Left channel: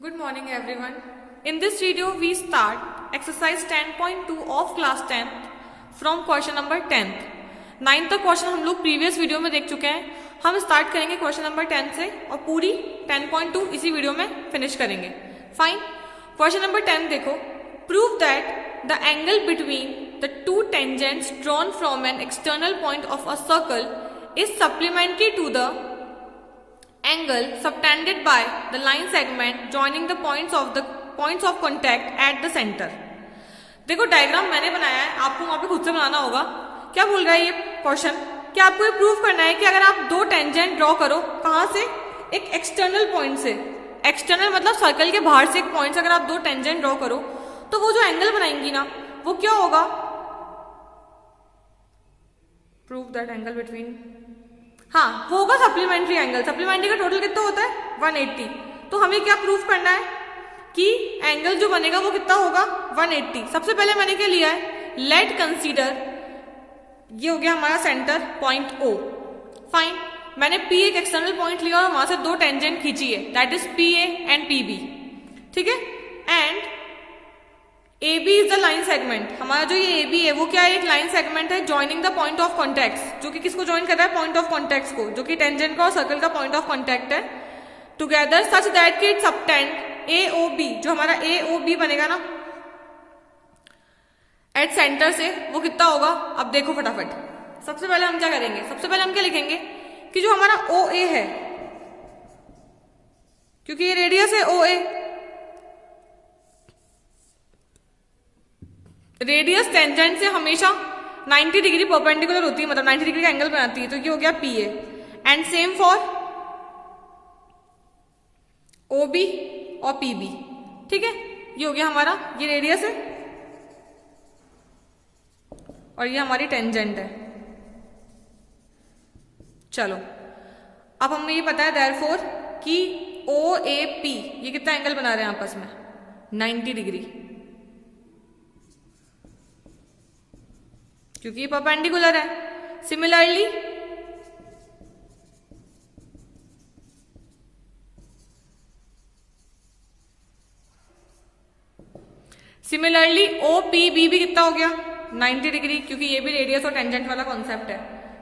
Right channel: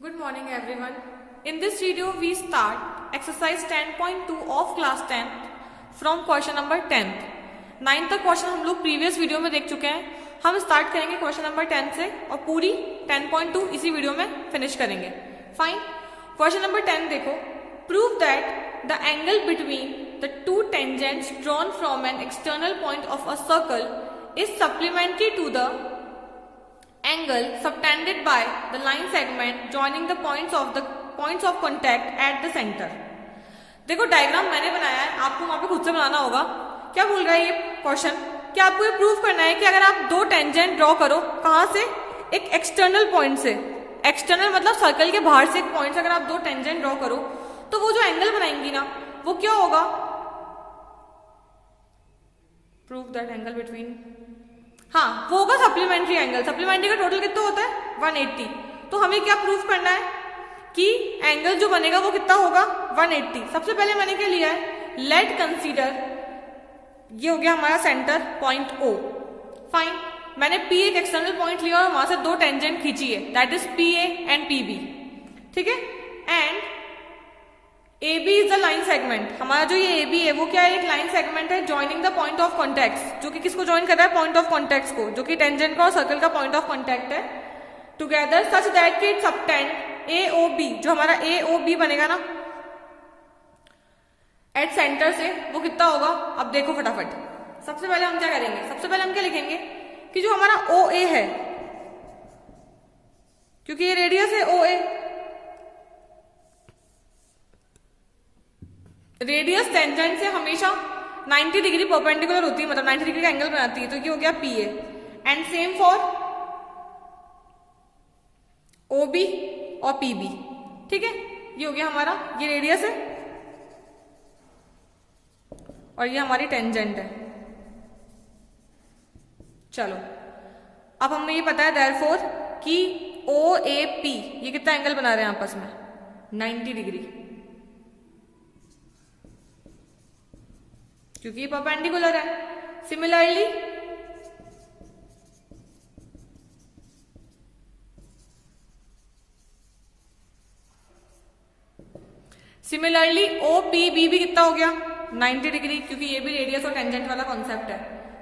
Good morning everyone. In this video we start exercise 10.2 of class 10th from question number 10th. 9th तक question हम लोग previous video में देख चुके हैं. हम स्टार्ट करेंगे क्वेश्चन नंबर 10 से और पूरी 10.2 इसी वीडियो में फिनिश करेंगे. फाइन. क्वेश्चन नंबर 10 देखो. Prove that the angle between the two tangents drawn from an external point of a circle is supplementary to the angle subtended by the line segment joining the points of contact at the center. देखो diagram मैंने बनाया है, आपको वहां पे खुद से बनाना होगा. क्या बोल रहा है ये क्वेश्चन कि आपको ये प्रूव करना है कि अगर आप दो टेंजेंट ड्रॉ करो, कहां से? एक एक्सटर्नल पॉइंट से. एक्सटर्नल मतलब सर्कल के बाहर से एक पॉइंट से अगर आप दो टेंजेंट ड्रॉ करो तो वो जो एंगल बनाएंगी ना वो क्या होगा? प्रूव दैट एंगल बिटवीन, हाँ वो होगा सप्लीमेंट्री एंगल. सप्लीमेंट्री का टोटल कितना होता है? 180. तो हमें क्या प्रूव करना है कि एंगल जो बनेगा वो कितना होगा? 180. सबसे पहले मैंने क्या लिया है? लेट कंसीडर, ये हो गया हमारा सेंटर पॉइंट O. फाइन. मैंने P एक एक्सटर्नल पॉइंट लिया और वहां से दो टेंजेंट खींची है, that is PA and PB. ठीक है. And AB is the line segment. हमारा जो ये AB है वो क्या है? एक लाइन सेगमेंट है joining the point of contact, जो कि किसको ज्वाइन कर रहा है? पॉइंट ऑफ कॉन्टेक्ट को, जो कि टेंजेंट का और सर्कल का पॉइंट ऑफ कॉन्टेक्ट है. टुगेदर सच दैट कि इट सबटेंड AOB, जो हमारा AOB बनेगा ना एट सेंटर से, वो कितना होगा? अब देखो फटाफट. सबसे पहले हम क्या करेंगे? सबसे पहले हम क्या लिखेंगे कि जो हमारा OA है, क्योंकि ये रेडियस है OA, रेडियस टेंजेंट से हमेशा 90 डिग्री परपेंडिकुलर होती है, मतलब 90 डिग्री का एंगल बनाती है. तो ये हो गया PA. And same for OB और PB. ठीक है. ये हो गया हमारा, ये रेडियस है और ये हमारी टेंजेंट है. चलो अब हमें ये पता है देयरफॉर कि OAP ये कितना एंगल बना रहे हैं आपस में? 90 डिग्री, क्योंकि ये परपेंडिकुलर है. सिमिलरली OPB भी कितना हो गया? 90 डिग्री, क्योंकि ये भी रेडियस और टेंजेंट वाला कॉन्सेप्ट है.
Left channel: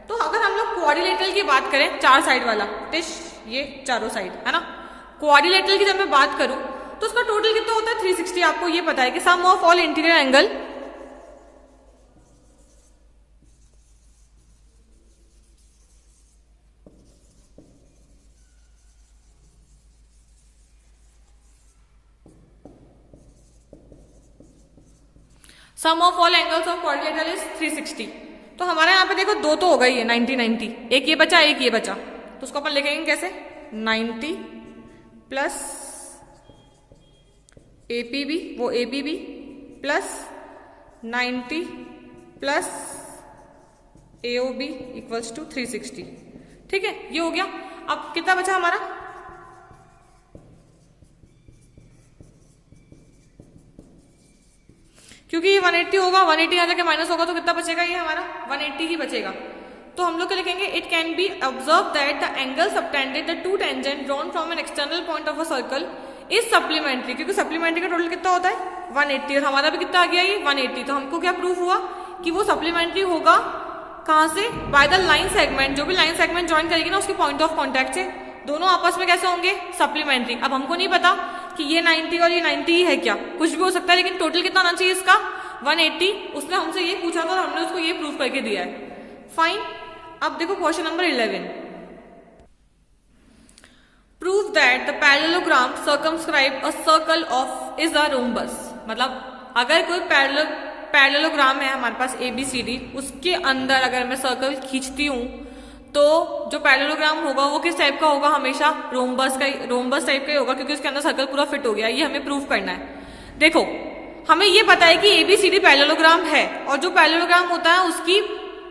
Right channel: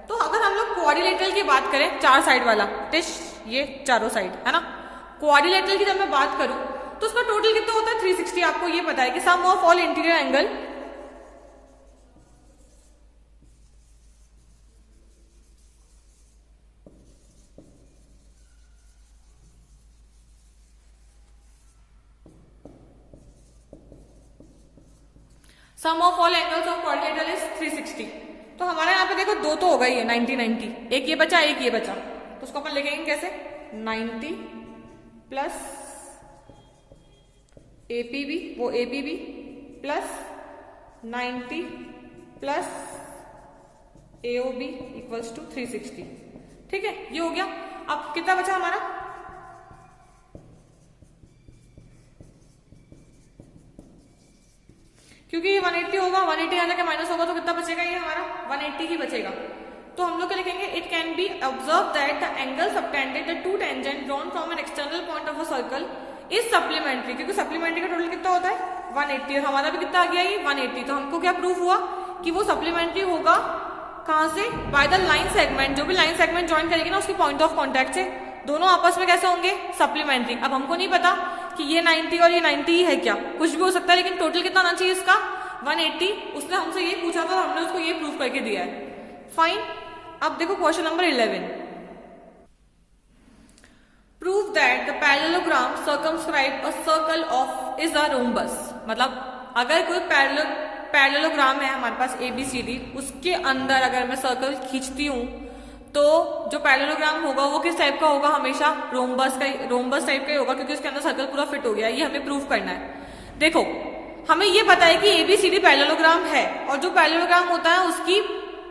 तो अगर हम लोग क्वाड्रिलेटरल की बात करें, चार साइड वाला डिश, ये चारों साइड है ना, क्वाड्रिलेटरल की जब मैं बात करूं तो उसका टोटल कितना होता है? 360. आपको ये पता है कि sum of all interior angle sum of all angles of quadrilateral is 360. तो हमारे यहाँ पे देखो दो तो हो गई है, 90 90. एक ये बचा, एक ये बचा. तो उसको अपन लिखेंगे कैसे? 90 प्लस APB, वो ABB plus 90 plus AOB equals to 360. ठीक है. ये हो गया. अब कितना बचा हमारा? क्योंकि ये 180 होगा, 180 आ जाके माइनस होगा तो कितना बचेगा? ये हमारा 180 ही बचेगा. तो हम लोग क्या लिखेंगे? It can be observe that the angle subtended the two tangent drawn from an external point of a circle is supplementary, क्योंकि सप्लीमेंट्री का टोटल कितना होता है? 180. और हमारा भी कितना आ गया? ये 180. तो हमको क्या प्रूफ हुआ कि वो सप्लीमेंट्री होगा. कहां से? By the line segment. जो भी लाइन सेगमेंट ज्वाइन करेगी ना उसके पॉइंट ऑफ कॉन्टेक्ट से, दोनों आपस में कैसे होंगे? सप्लीमेंट्री. अब हमको नहीं पता कि ये 90 और ये 90 ही है क्या, कुछ भी हो सकता है, लेकिन टोटल कितना आना चाहिए इसका? 180. उसने हमसे ये पूछा था, हमने उसको ये प्रूफ करके दिया है. फाइन. अब देखो question number 11. Prove that the parallelogram circumscribe a circle of is a rhombus. मतलब अगर कोई पैरेललोग्राम है हमारे पास ABCD, उसके अंदर अगर मैं सर्कल खींचती हूं तो जो पैरेललोग्राम होगा वो किस टाइप का होगा? हमेशा रोम्बस टाइप का ही होगा, क्योंकि उसके अंदर सर्कल पूरा फिट हो गया. ये हमें प्रूव करना है. देखो हमें ये पता है कि ABCD पैरेललोग्राम है, और जो पैरेललोग्राम होता है उसकी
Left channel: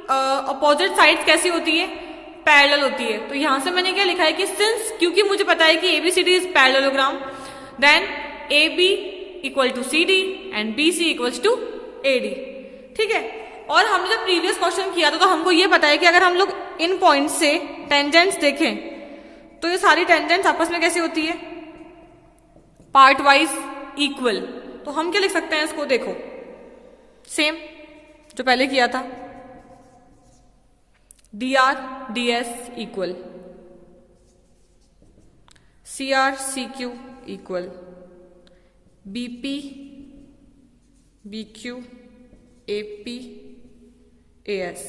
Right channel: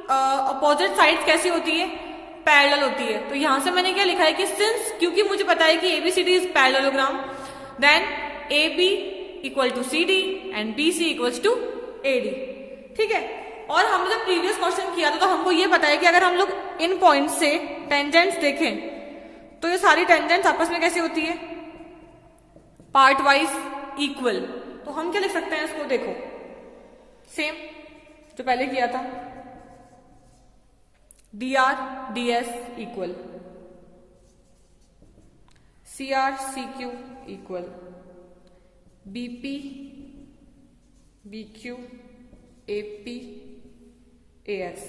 अपोजिट साइड्स कैसी होती है? पैरेलल होती है. तो यहां से मैंने क्या लिखा है कि सिंस, क्योंकि मुझे पता है कि ABCD is parallelogram, then AB equal to CD and BC equal to AD. ठीक है. और हमने जब प्रीवियस क्वेश्चन किया था तो हमको ये पता है कि अगर हम लोग इन पॉइंट से टेंजेंट्स देखें तो ये सारी टेंजेंट्स आपस में कैसी होती है? पार्ट वाइज इक्वल, तो हम क्या लिख सकते हैं इसको, देखो सेम जो पहले किया था, dr ds equal cr cq equal bp bq ap as।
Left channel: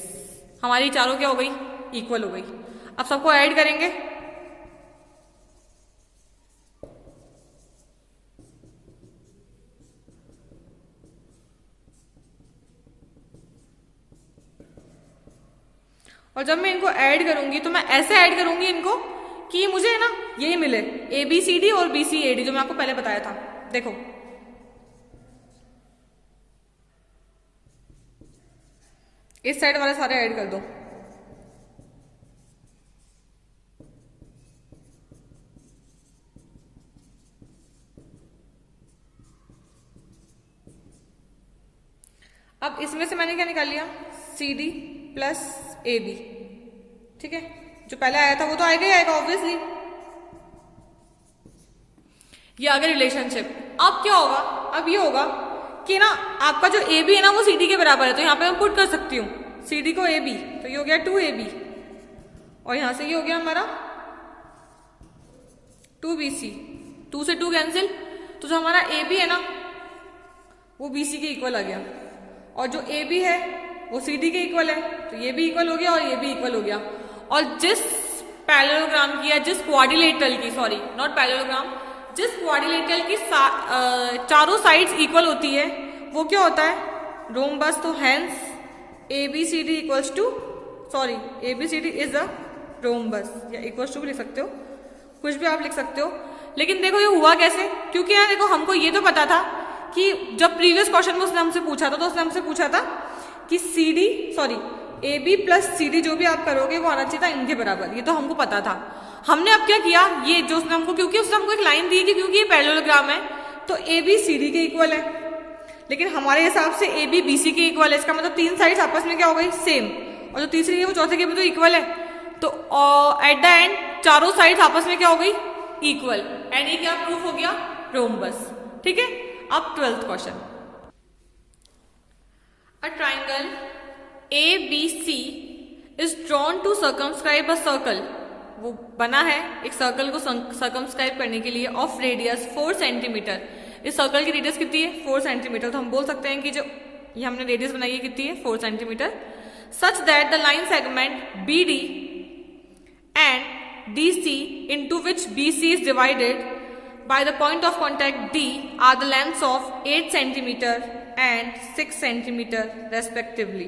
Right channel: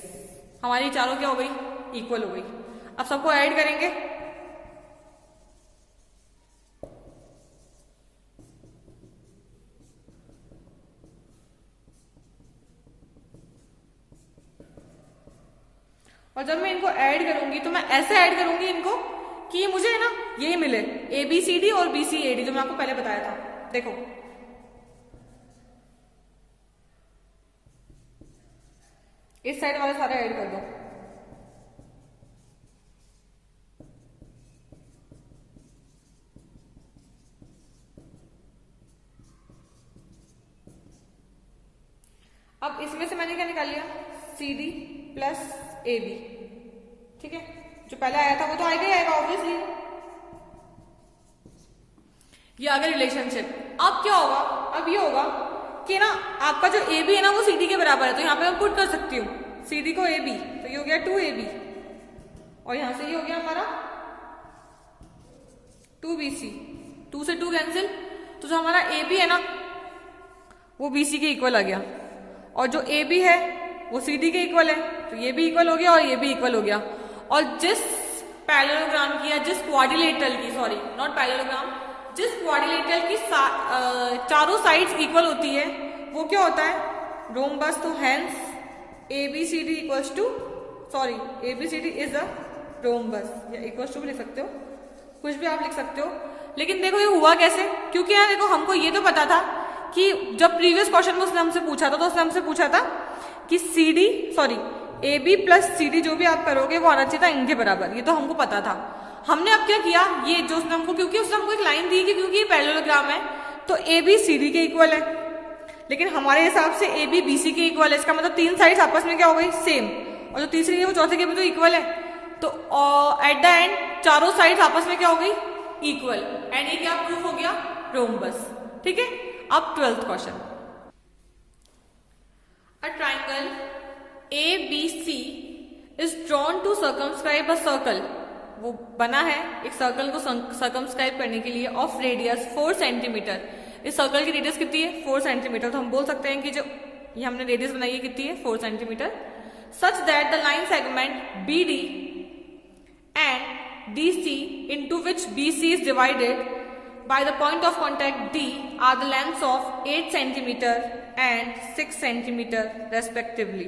हमारी चारों क्या हो गई, इक्वल हो गई। अब सबको ऐड करेंगे, और जब मैं इनको ऐड करूंगी तो मैं ऐसे ऐड करूंगी इनको कि ये मुझे है ना ये मिले ABCD और BCAD, जो मैं आपको पहले बताया था। देखो इस साइड वाले सारे ऐड कर दो, अब इसमें से मैंने क्या निकाल लिया, CD प्लस AB, ठीक है। जो पहले आया था वो तो आएगा ही आएगा ऑब्वियसली, ये आ गया रिलेशनशिप। अब क्या होगा, अब ये होगा कि ना आपका जो AB है ना वो CD के बराबर है, तो यहां पे मैं पुट कर सकती हूँ CD को AB, तो ये हो गया 2AB, और यहां से ये हो गया हमारा 2BC, 2 से 2 कैंसिल, तो जो हमारा AB है ना वो BC के इक्वल आ गया, और जो AB है वो CD के इक्वल है, तो ये भी इक्वल हो गया और ये भी इक्वल हो गया। और जिस पैरेललोग्राम की या जिस क्वाड्रिलेटरल की, सॉरी नॉट पैरेललोग्राम, जिस क्वाड्रिलेटरल की चारों साइड्स इक्वल होती है वो क्या होता है, रोम्बस। तो hence ABCD equals to, sorry ABCD is the rhombus, या इक्वल्स टू भी लिख सकते हो, कुछ भी आप लिख सकते हो। लेकिन देखो ये हुआ कैसे, क्योंकि यार देखो हमको ये तो पता था कि जब प्रीवियस क्वेश्चन में उसने हमसे पूछा था, तो उसने हमसे पूछा था कि AB प्लस CD जो भी आप करोगे वो आना चाहिए था इनके बराबर, ये तो हमको पता था। हमने अब क्या किया, ये जो उसने हमको, क्योंकि उसने हमको एक लाइन दी कि क्योंकि ये पैरेललोग्राम है तो AB CD के इक्वल है, लेकिन हमारे हिसाब से AB BC के इक्वल है, इसका मतलब तीन साइड्स आपस में क्या हो गई, सेम, और जो तीसरी है वो चौथे के भी तो इक्वल है, तो एट द एंड चारों साइड्स आपस में क्या हो गई, इक्वल, एंड ये क्या प्रूफ हो गया, रोम्बस, ठीक है। अब 12th question, A triangle ABC is drawn to circumscribe a circle, वो बना है एक सर्कल को सर्कमस्क्राइब करने के लिए, ऑफ रेडियस 4 सेंटीमीटर। इस सर्कल की रेडियस कितनी है, 4 सेंटीमीटर, तो हम बोल सकते हैं कि जो ये हमने रेडियस बनाई है कितनी है, 4 centimetre. Such that the line segment BD and DC into which BC is divided by the point of contact D are the lengths of 8 centimeter and 6 centimeter respectively.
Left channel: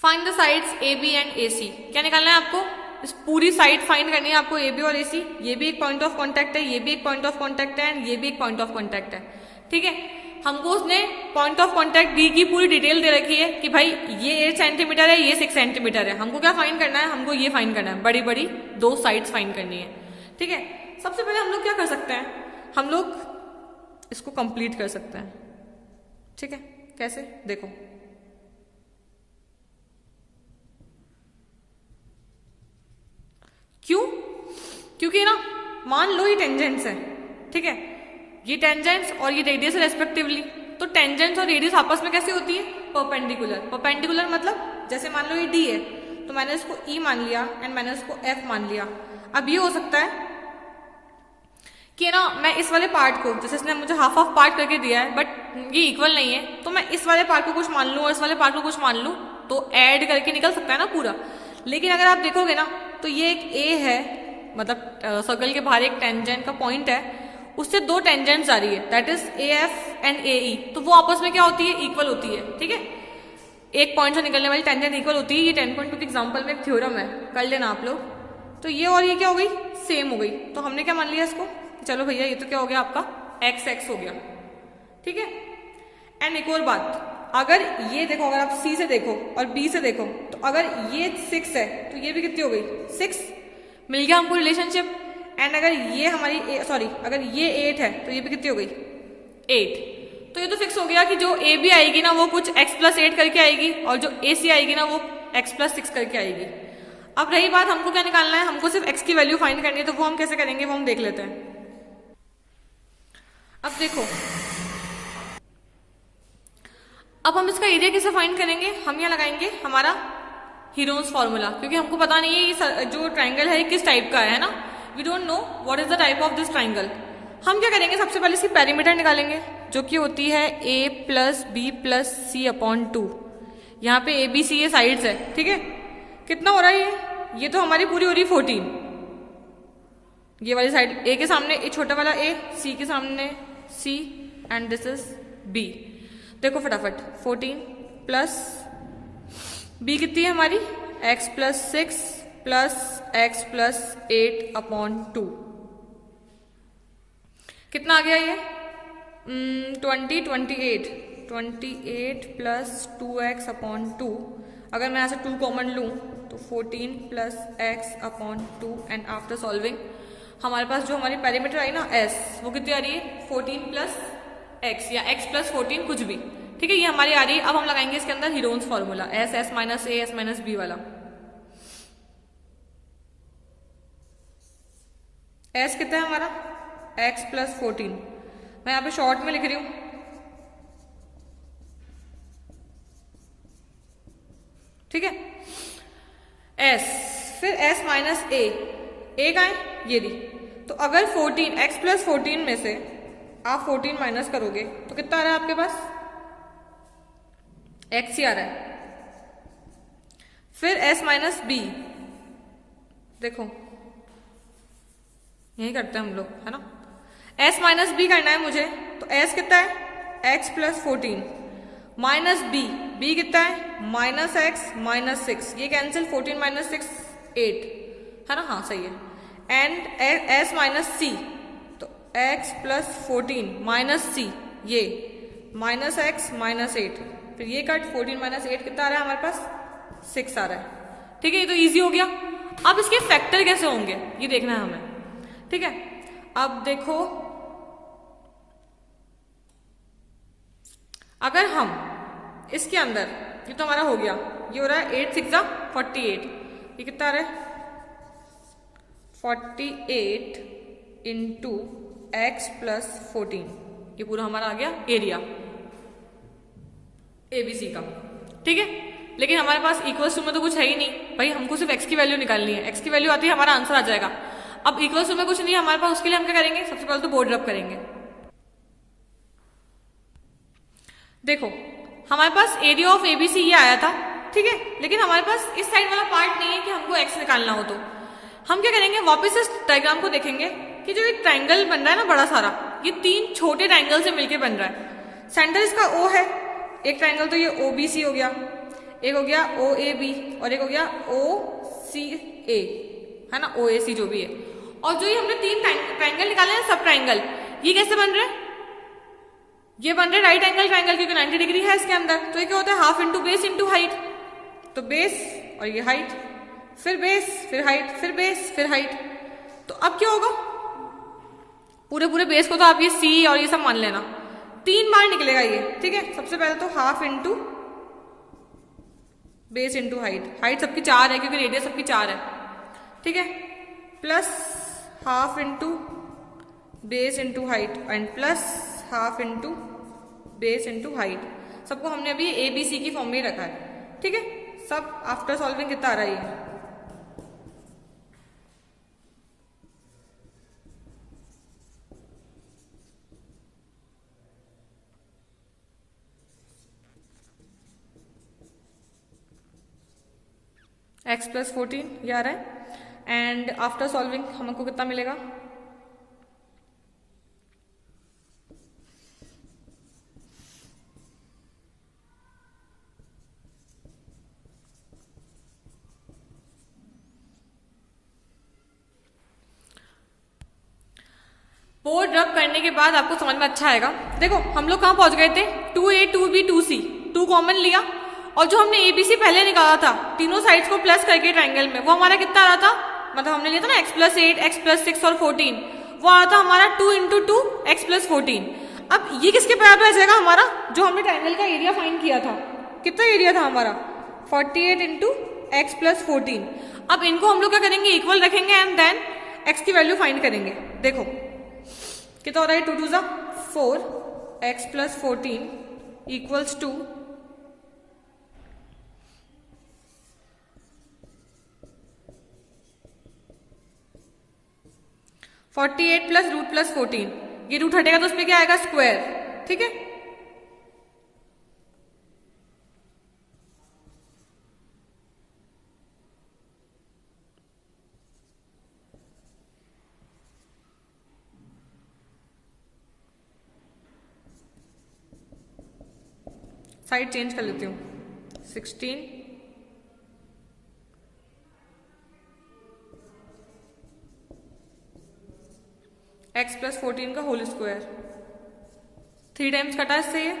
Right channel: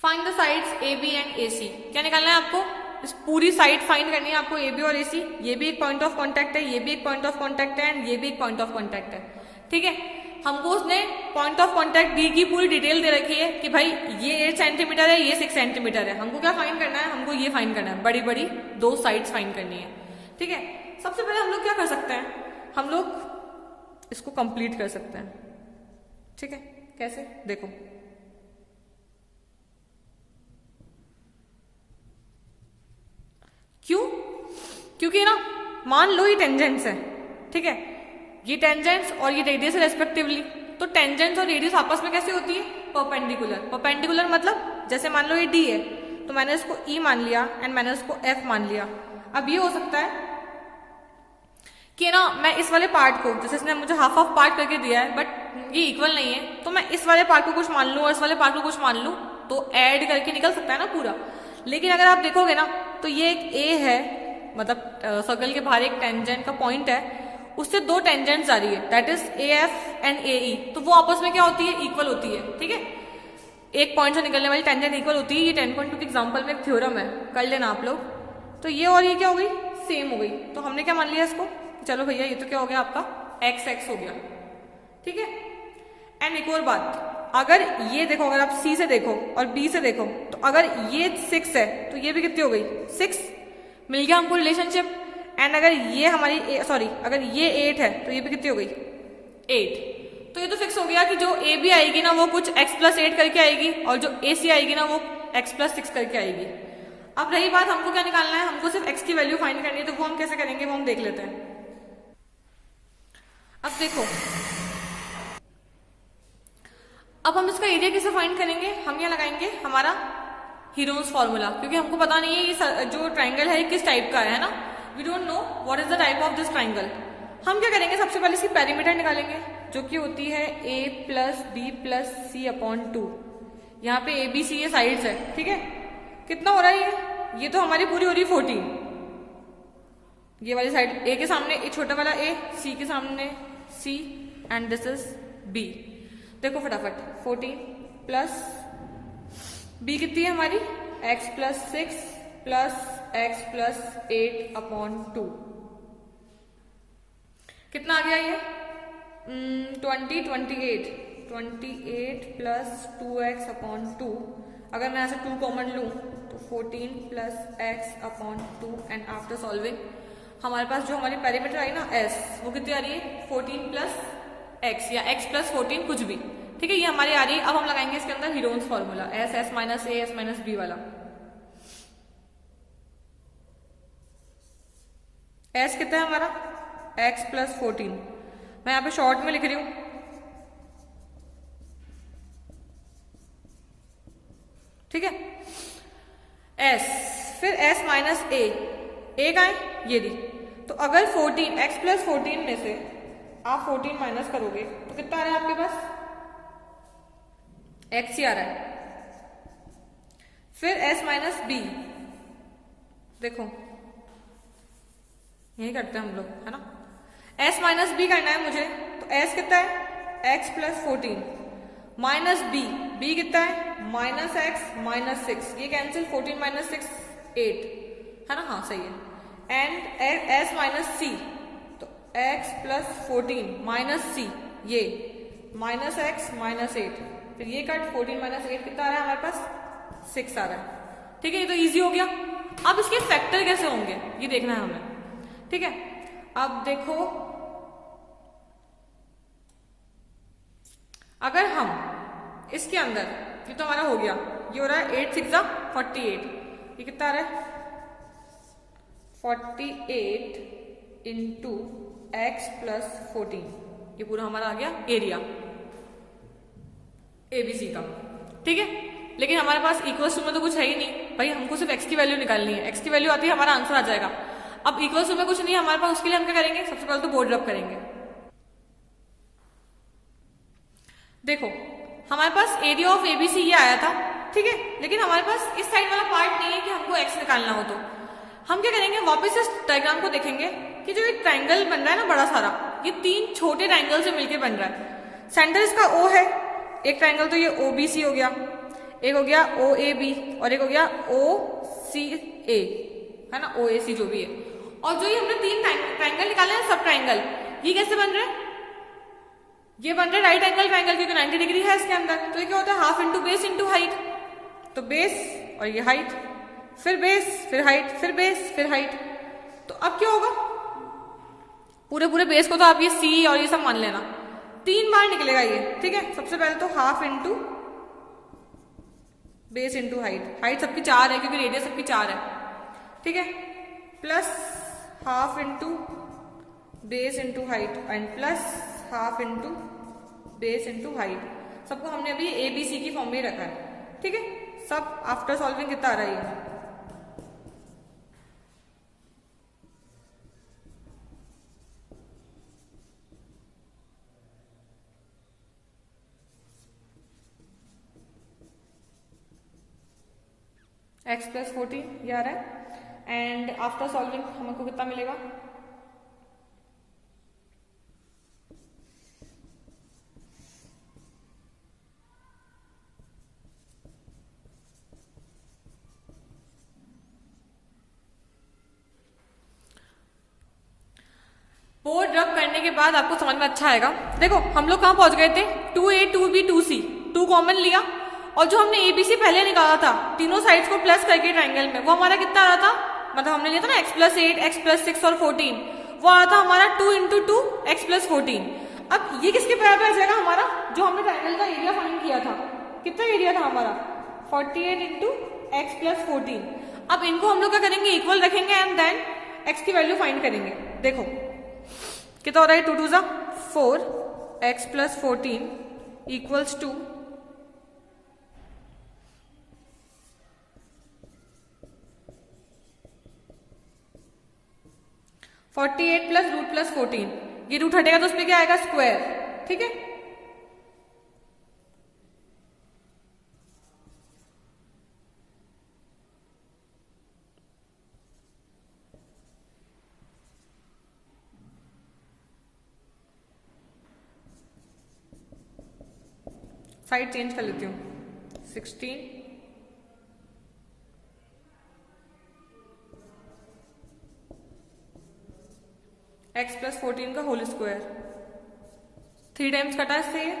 Find the sides AB and AC. क्या निकालना है आपको, इस पूरी side find करनी है आपको, AB और AC। ये भी एक पॉइंट ऑफ कॉन्टैक्ट है, ये भी एक पॉइंट ऑफ कॉन्टैक्ट है, एंड ये भी एक पॉइंट ऑफ कॉन्टैक्ट है, ठीक है। हमको उसने पॉइंट ऑफ कॉन्टैक्ट डी की पूरी डिटेल दे रखी है कि भाई ये 8 सेंटीमीटर है, ये 6 सेंटीमीटर है। हमको क्या फाइंड करना है, हमको ये फाइंड करना है, बड़ी बड़ी दो साइड्स फाइंड करनी है, ठीक है। सबसे पहले हम लोग क्या कर सकते हैं, हम लोग इसको कंप्लीट कर सकते हैं, ठीक है। कैसे, देखो क्यों, क्योंकि ना मान लो ये टेंजेंट्स है, ठीक है, ये टेंजेंट्स और ये रेडियस है रेस्पेक्टिवली, तो टेंजेंट्स और रेडियस आपस में कैसे होती है, परपेंडिकुलर। परपेंडिकुलर मतलब जैसे मान लो ये D है, तो मैंने इसको E मान लिया एंड मैंने इसको F मान लिया। अब ये हो सकता है कि ना मैं इस वाले पार्ट को, जैसे इसने मुझे हाफ हाफ पार्ट करके दिया है बट ये इक्वल नहीं है, तो मैं इस वाले पार्ट को कुछ मान लूं और इस वाले पार्ट को कुछ मान लूं, तो ऐड करके निकल सकता है ना पूरा। लेकिन अगर आप देखोगे ना तो ये एक A है, मतलब सर्कल के बाहर एक टेंजेंट का पॉइंट है, उससे दो टेंजेंट्स आ रही है, that is AF and AE, तो वो आपस में क्या होती है, इक्वल होती है, ठीक है। एक पॉइंट से निकलने वाली टेंजेंट इक्वल होती है, ये 10.2 के एग्जाम्पल में एक थ्योरम है, कर लेना आप लोग। तो ये और ये क्या हो गई, सेम हो गई, तो हमने क्या मान लिया इसको, चलो भैया ये तो क्या हो गया आपका XX हो गया, ठीक है। एंड एक और बात, अगर ये देखो, अगर आप C से देखो और B से देखो, तो अगर ये 6 है तो ये भी कितनी हो गई, 6, मिल गया हमको रिलेशनशिप। एंड अगर ये हमारी अगर ये 8 है तो ये भी कितनी हो गई, 8, तो ये तो फिक्स हो गया कि जो AB आएगी ना वो कुछ x+8 करके आएगी, और जो AC आएगी ना वो x+6 करके आएगी। अब रही बात हमको क्या निकालना है, हमको सिर्फ x की वैल्यू फाइंड करनी है, तो वो हम कैसे करेंगे वो हम देख लेते हैं। अब देखो, अब हम इसका एरिया कैसे फाइंड करेंगे? हम यहाँ लगाएंगे हमारा हीरोन्स फॉर्मूला, क्योंकि हमको पता नहीं है ये जो ट्राइंगल है किस टाइप का है ना, we don't know what is the type of this triangle. हम क्या करेंगे, सबसे पहले इसकी पेरीमीटर निकालेंगे, जो कि होती है a plus b plus c upon 2। यहाँ पे ए बी सी ये साइड्स है, ठीक है। कितना हो रहा है ये तो हमारी पूरी हो रही 14। ये वाली साइड ए के सामने ए छोटा वाला ए, सी के सामने सी, एंड दिस इज बी। देखो फटाफट, 14 प्लस बी कितनी है हमारी, x plus 6 plus x plus 8 upon 2। कितना आ गया ये? 28 प्लस 2x अपॉन 2। अगर मैं यहाँ से 2 कॉमन लूँ तो 14 plus x upon 2, and after solving हमारे पास जो हमारी पेरीमीटर आई ना s, वो कितनी आ रही है 14 प्लस x या x प्लस 14 कुछ भी, ठीक है, ये हमारी आ रही है। अब हम लगाएंगे इसके अंदर Heron's formula, s minus a s minus b वाला। s कितना है हमारा, x प्लस 14। मैं यहाँ पे शॉर्ट में लिख रही हूं, ठीक है, s, फिर s माइनस a का है ये दी। तो अगर 14 x प्लस 14 में से आप 14 माइनस करोगे तो कितना आ रहा है आपके पास, x ही आ रहा है। फिर s माइनस b, देखो यही करते हैं हम लोग, है ना। s माइनस बी करना है मुझे, तो s कितना है x प्लस 14 माइनस b कितना है माइनस x माइनस 6, ये कैंसिल, 14 माइनस 6 8, है ना, हाँ सही है। एंड s माइनस c, तो x प्लस 14 माइनस c, ये माइनस x माइनस 8, फिर ये कट 14 माइनस 8 कितना आ रहा है हमारे पास, 6 आ रहा है, ठीक है। ये तो इजी हो गया। अब इसके फैक्टर कैसे होंगे ये देखना है हमें, ठीक है। अब देखो, अगर हम इसके अंदर, ये तो हमारा हो गया, ये हो रहा है 8 6 48, ये कितना आ रहा है 48 इंटू एक्स प्लस 14, ये पूरा हमारा आ गया एरिया एबीसी का, ठीक है। लेकिन हमारे पास इक्वल टू में तो कुछ है ही नहीं भाई, हमको सिर्फ एक्स की वैल्यू निकालनी है, एक्स की वैल्यू आती है हमारा आंसर आ जाएगा। अब इक्वल टू में कुछ नहीं है हमारे पास, उसके लिए हम क्या करेंगे, सबसे पहले तो बोर्ड रब करेंगे। देखो हमारे पास एरिया ऑफ एबीसी ये आया था, ठीक है, लेकिन हमारे पास इस साइड वाला पार्ट नहीं है कि हमको एक्स निकालना हो, तो हम क्या करेंगे, वापस इस डायग्राम को देखेंगे कि जो एक ट्रायंगल बन रहा है ना बड़ा सारा, ये 3 छोटे ट्रायंगल से मिलकर बन रहा है। सेंटर इसका ओ है, एक ट्रायंगल तो ये ओबीसी हो गया, एक हो गया ओ ए बी, और एक हो गया ओ सी ए, है ना, ओ ए सी जो भी है। और जो ये हमने 3 ट्रायंगल निकाले हैं सब ट्रायंगल, ये कैसे बन रहे हैं, ये बन रहा है राइट एंगल ट्रायंगल, क्योंकि 90 डिग्री है इसके अंदर। तो ये क्या होता है, half into base into height, तो बेस और ये हाइट, फिर बेस फिर हाइट, फिर बेस फिर हाइट। तो अब क्या होगा, पूरे बेस को तो आप ये सी और ये सब मान लेना, 3 बार निकलेगा ये, ठीक है। सबसे पहले तो half into base into height, height सबकी 4 है क्योंकि रेडियस सबकी 4 है, ठीक है, plus half into base into height and plus half into base into height. सबको हमने अभी ए बी सी की फॉर्म में रखा है, ठीक है। सब आफ्टर सॉल्विंग कितना आ रहा है, एक्स प्लस 14 ये आ रहा है, एंड आफ्टर सॉल्विंग हमको कितना मिलेगा, बोर्ड रब करने के बाद आपको समझ में अच्छा आएगा। देखो हम लोग कहाँ पहुंच गए थे, 2a 2b 2c, 2 कॉमन लिया, और जो हमने एबीसी पहले निकाला था तीनों साइड्स को प्लस करके ट्रायंगल में, वो हमारा कितना आ रहा था, मतलब हमने लिया था ना x प्लस 8 x प्लस 6 और 14, वो आ रहा था हमारा 2 इंटू 2 x प्लस 14। अब ये किसके बराबर आ जाएगा हमारा, जो हमने ट्रायंगल का एरिया फाइंड किया था, कितना एरिया था हमारा 48 इंटू एक्स प्लस 14। अब इनको हम लोग क्या करेंगे, इक्वल रखेंगे एंड देन x की वैल्यू फाइंड करेंगे। देखो कितना हो रहा है, 2 2 जा 4x plus 14 equals to 48 plus root plus 14, ये रूट हटेगा तो उस पर क्या आएगा, स्क्वायर। ठीक है, साइड चेंज कर लेती हूँ। 16 x प्लस 14 का होल स्क्वायर, 3 टाइम्स कटा इससे ये,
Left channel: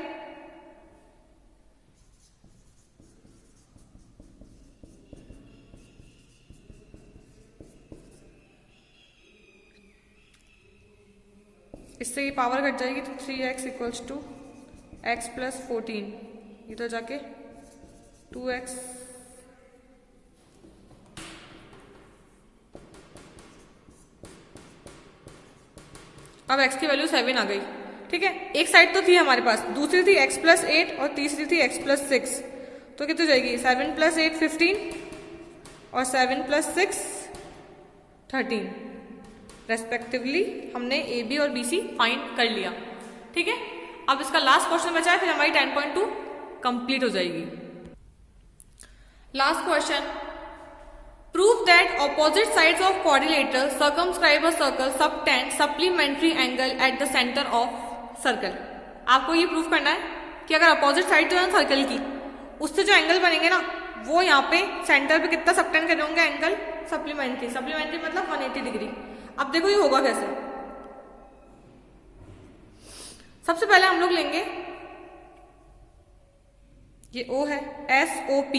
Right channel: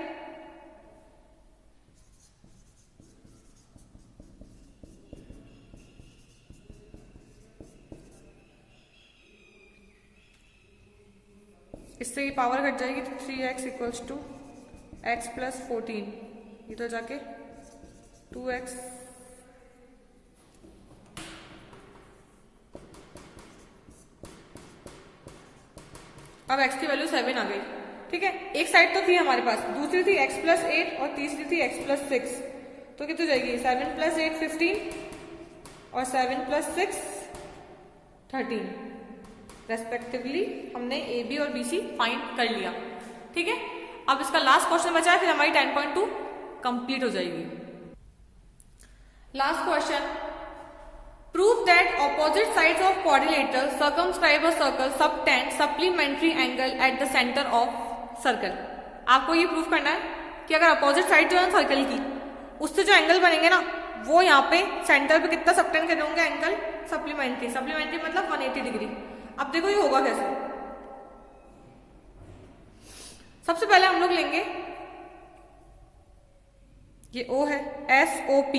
इससे ये पावर कट जाएगी तो 3x equals to x plus 14, ये तो जाके 2x अब x की वैल्यू 7 आ गई। ठीक है, एक साइड तो थी हमारे पास, दूसरी थी x प्लस 8 और तीसरी थी x प्लस 6, तो कितनी जाएगी, 7 प्लस 8 15 और 7 प्लस 6 13 रेस्पेक्टिवली। हमने ए बी और बी सी फाइंड कर लिया। ठीक है, अब इसका लास्ट क्वेश्चन बचा है, फिर हमारी 10.2 कंप्लीट हो जाएगी। Last question, prove that opposite sides of quadrilateral circumscribe a circle subtend supplementary angle at the centre of circle. आपको ये प्रूव करना है कि अगर अपोजिट साइड जो है सर्कल की, उससे जो एंगल बनेंगे ना, वो यहाँ पे सेंटर पे कितना सबटेंड कर होंगे एंगल, सप्लीमेंट्री। सप्लीमेंट्री मतलब 180 डिग्री। अब देखो ये होगा कैसे। सबसे पहले हम लोग लेंगे ये O है, SOP,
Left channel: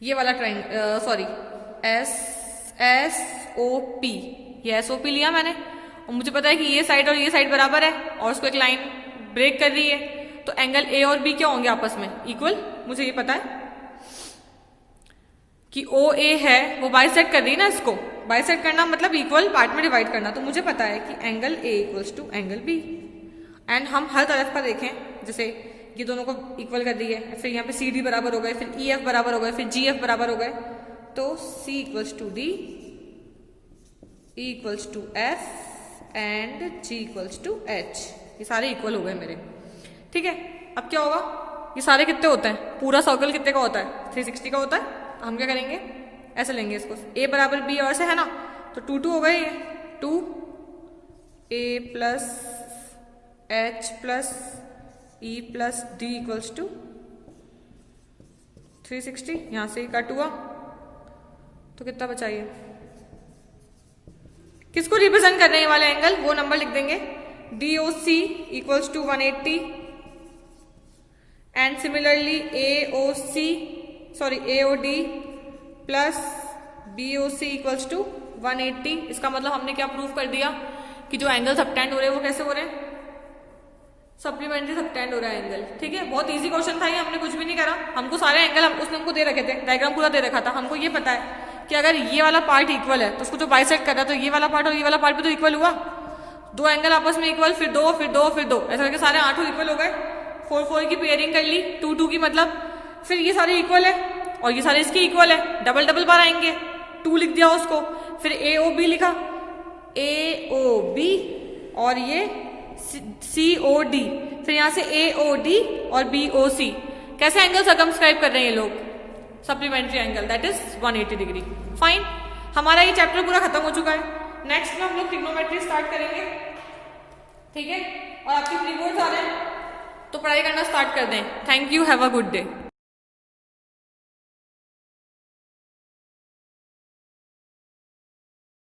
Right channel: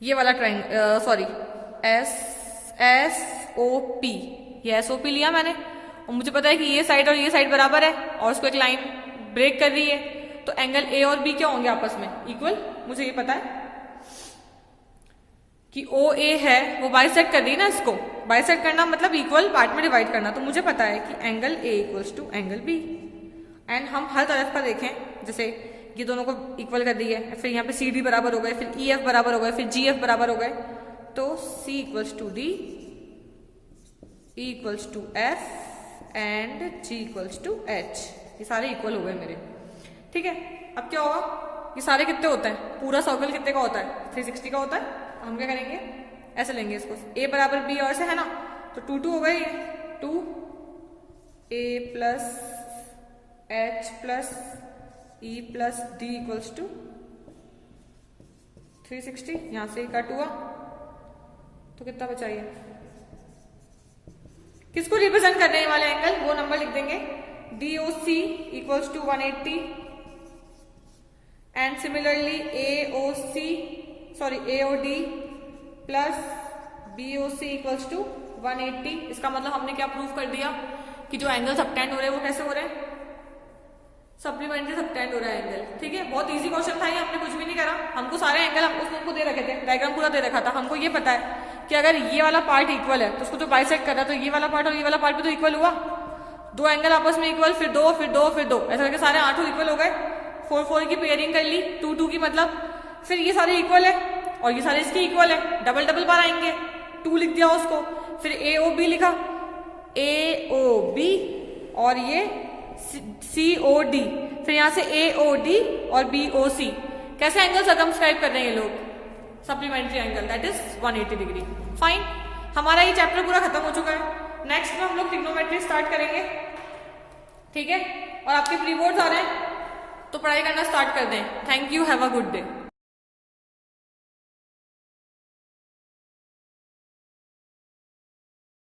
ये वाला ट्रायंगल, सॉरी SOP, ये SOP लिया मैंने और मुझे पता है कि ये साइड और ये साइड बराबर है और उसको एक लाइन ब्रेक कर रही है, तो एंगल A और B क्या होंगे आपस में, इक्वल। मुझे ये पता है कि OA है वो बाइसेक्ट कर रही है ना, इसको बाइसेक्ट करना मतलब इक्वल पार्ट में डिवाइड करना, तो मुझे पता है कि angle A equals to angle B। And हम हर तरफ का देखें, जैसे ये दोनों को इक्वल कर दिए, फिर यहाँ पे CD बराबर हो गए, फिर EF बराबर हो गए, फिर GF बराबर हो गए, तो C equals to D, E equals to F and G equals to H। ये सारे इक्वल हो गए मेरे। ठीक है, अब क्या होगा, ये सारे कितने होते हैं, पूरा सर्कल कितने का होता है, 360 का होता है। तो हम क्या करेंगे, ऐसे लेंगे इसको, A बराबर B और से है ना, तो 2 2 हो गए, 2 A plus H plus E plus D equals to 360। यहां से कट हुआ तो कितना बचा ये, किसको रिप्रेजेंट कर रहे हैं वाले एंगल, वो नंबर लिख देंगे, DOC equals to 180 and similarly AOD plus BOC equals to 180। इसका मतलब हमने क्या प्रूव कर दिया कि जो एंगल सबटेंड हो रहे हैं वो कैसे हो रहे हैं, सप्लीमेंट्री सबटेंड हो रहा है एंगल। ठीक है, बहुत इजी क्वेश्चन था ये, हमने कुछ भी नहीं करा, हमको सारे एंगल उसने हमको दे रखे थे, डायग्राम पूरा दे रखा था। हमको ये पता है कि अगर ये वाला पार्ट इक्वल है तो उसको जो बाइसेक्ट कर रहा है, तो ये वाला पार्ट और ये वाला पार्ट भी तो इक्वल हुआ, दो एंगल आपस में इक्वल, फिर दो फिर दो फिर दो, ऐसा करके सारे 8 इक्वल हो गए। 4 4 की पेयरिंग कर ली, 2 2 की मतलब, फिर ये सारे इक्वल है और ये सारे इसके इक्वल है, डबल डबल बार आएंगे, 2 लिख दिया उसको, फिर AOB लिखा, AOB और ये COD, फिर यहां से AOD और BOC। कैसे एंगल सर्कमस्क्राइब कर रहे हैं ये लोग, supplementary angle, that is 180 degree. Fine, हमारा ये चैप्टर पूरा खत्म हो चुका है। नेक्स्ट में हम लोग ट्रिग्नोमेट्री स्टार्ट करेंगे। ठीक है, और आपके प्री बोर्ड्स आ रहे हैं तो पढ़ाई करना स्टार्ट कर दें। Thank you, have a good day.